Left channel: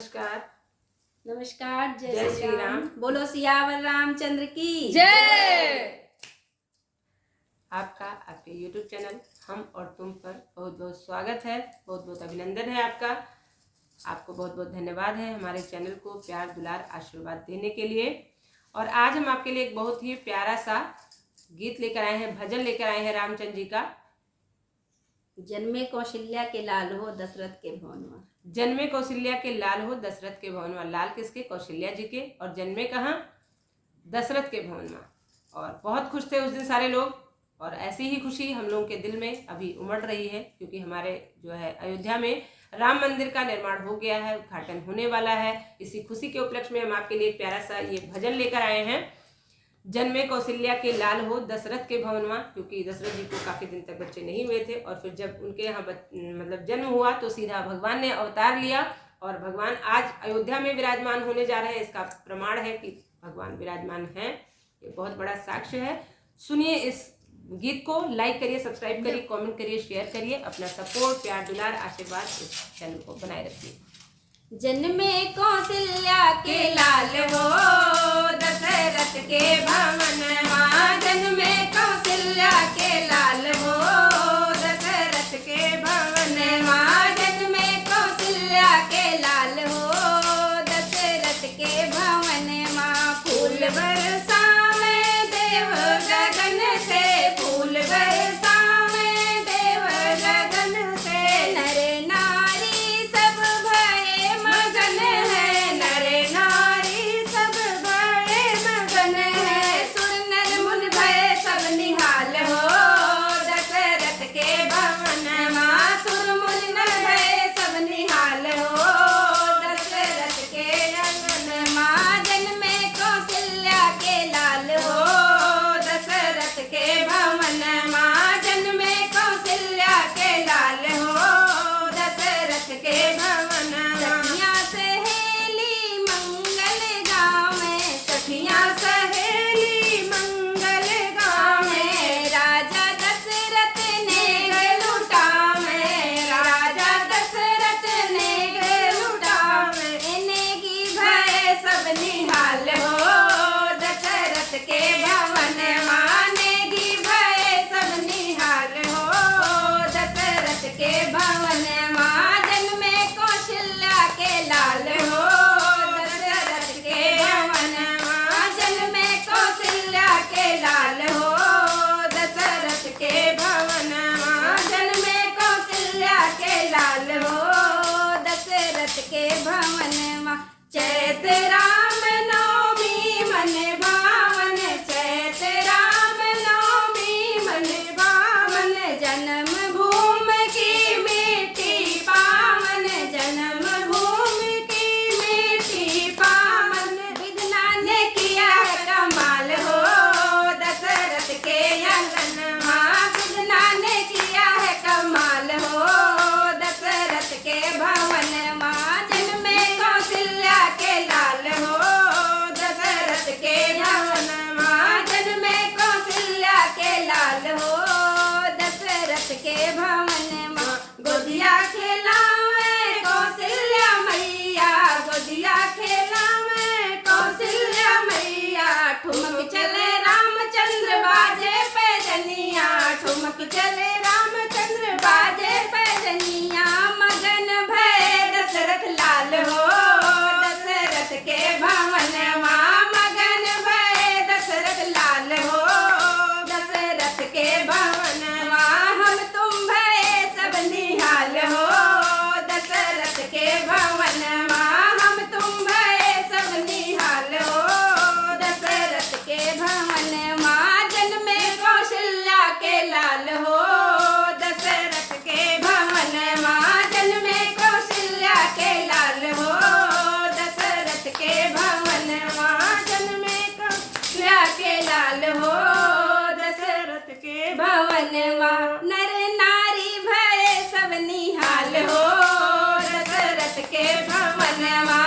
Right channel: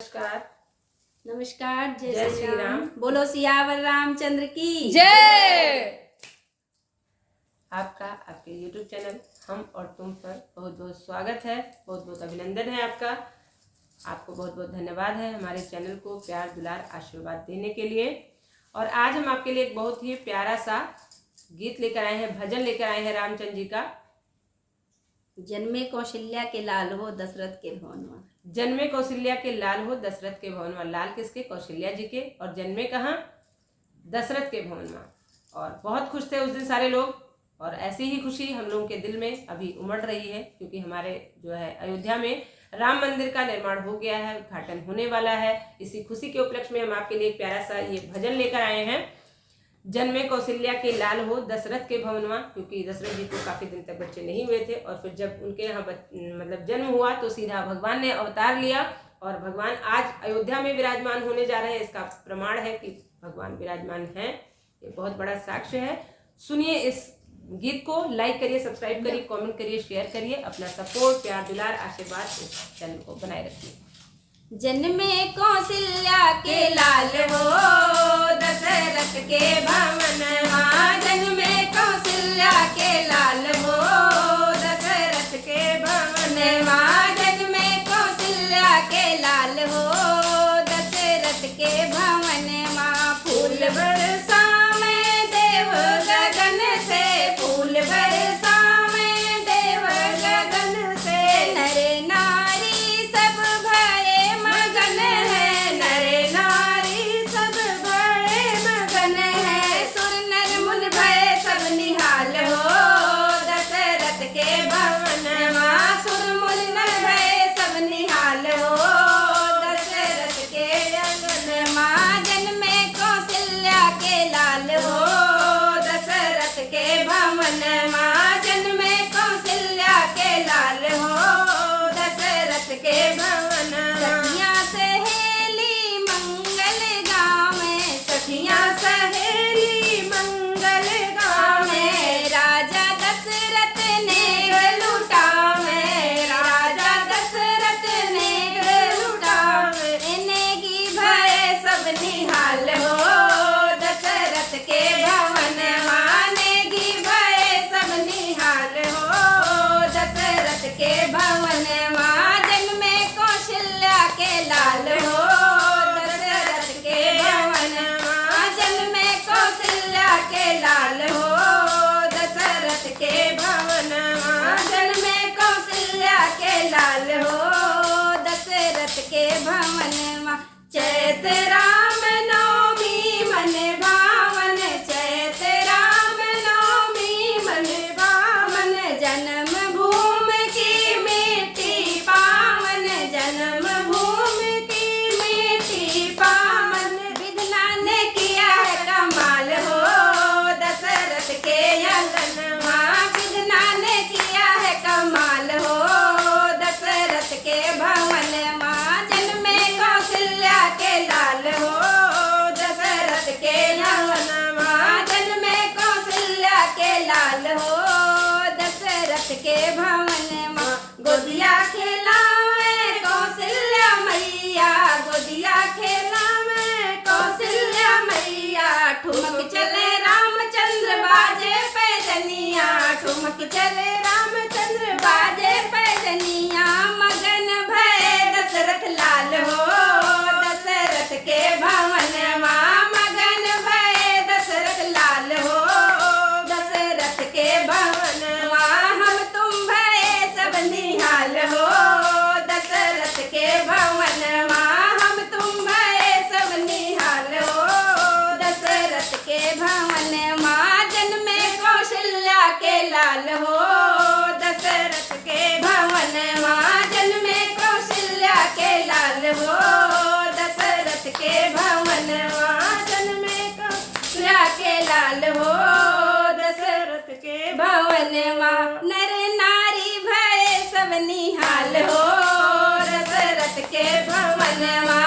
नमस्कार। नमस्कार। जय श्री राम। बोलो सियावर रामचंद्र की जय। आपका आपके YouTube चैनल हम और तुम पर बहुत बहुत स्वागत है, बहुत बहुत अभिनंदन है आपका। आपको बहुत बहुत धन्यवाद है हमारे चैनल को प्यार दुलार आशीर्वाद देने के लिए। और आज हम आपके लिए एक बहुत ही प्यारा सा गीत लेकर आए हैं, भजन लेकर आए हैं रामचंद्र जी का। जन्मे कौशल्या के लाल हो दशरथ के भवनवा। जन्मे कौशल्या के लाल हो दशरथ के भवनवा। लाल किसके? कौशल्या जी के। और जन्मे कहाँ? दशरथ के भवनवा। और बहुत खुश थे उस दिन सारे लोग, और ऐसी ही खुशी हम लोगों के दिल में अभी उमड़ रही है, क्योंकि हमारे जो है अयोध्या में राम मंदिर का निर्माण हो गया है, उद्घाटन होने वाला है। इसी खुशी के उपलक्ष्य में हम आपके लिए एक प्यारा सा ये भजन लेकर आए हैं, जन्मे कौशल्या के लाल हो दशरथ के भवनवा। क्योंकि दशरथ जी को काफी दिन तक बच्चे नहीं हुए थे, और फिर जब उनके यहाँ मतलब जन्म हुआ तो सीधा भगवान ने अवतार लिया, और भगवान आज अयोध्या में विराजमान होने जा रहे हैं। इसका प्रमाण है कि भगवान विराजमान हैं, ये बहुत बड़ा साक्ष्य है। सुनिए इस गीत को, लाइक करिए, सब्सक्राइब करिए, कमेंट करिए, शेयर करिए। अपना सपोर्ट, प्यार दुलार, आशीर्वाद इस चैनल को बनाए रखिए। जन्मे कौशल्या के लाल हो दशरथ के भवनवा। जन्मे कौशल्या के लाल हो दशरथ के भवनवा। जन्मे कौशल्या के लाल हो दशरथ के भवनवा। फूल बरसा में देव गगन से, फूल बरसा में देव गगन से। नर नारी सब भये मगन है, नर नारी सब भये मगन है। सुर नर मुन भये सब निहाल हो दशरथ के भवनवा। सुर मुन नर भये सब निहाल हो दशरथ के अंगनवा। जन्मे कौशल्या के लाल हो दशरथ के भवनवा। जन्मे कौशल्या के लाल हो दशरथ के भवनवा। सखियां सहेली मंगल गावे, सखियां सहेली मंगल गावे। राजा दशरथ ने लुटावे, राजा दशरथ ने लुटावे। नेगी भय सब निहाल हो दशरथ के भवनवा। नेगी भय सब निहाल हो दशरथ के भवनवा। जन्मे कौशल्या के लाल हो दशरथ के भवनवा। जन्मे कौशल्या के लाल हो दशरथ के भवनवा। जन्मे कौशल्या के लाल हो दशरथ के भवनवा। चैत राम नवमी मन भावन, चैत राम नवमी मन भावन। जन्म भूमि की मिट्टी पावन, जन्म भूमि की मिट्टी पावन। विधना ने किया है कमाल हो दशरथ के अंगनवा। विधना ने किया है कमाल हो दशरथ के भवनवा। जन्मे कौशल्या के लाल हो दशरथ के भवनवा। जन्मे कौशल्या के लाल हो दशरथ के भवनवा। गोदिया खेलावे कौशल्या मैया, गोदिया खेलावे कौशल्या मैया। ठुमक चले रामचंद्र बाजे पैजनिया, ठुमक चले रामचंद्र बाजे पैजनिया। मगन भय दशरथ लाल हो दशरथ के भवनवा। मगन भय दशरथ लाल हो दशरथ के भवनवा। हम तुम भय सब निहाल हो दशरथ के भवनवा। हम तुम भय सब निहाल हो दशरथ के भवनवा। जन्मे कौशल्या के लाल हो दशरथ के भवनवा। जन्मे कौशल्या के लाल हो दशरथ के भवनवा। जन्मे कौशल्या के लाल हो दशरथ के भवनवा। नर नारी भय सब निहाल हो दशरथ के भवनवा।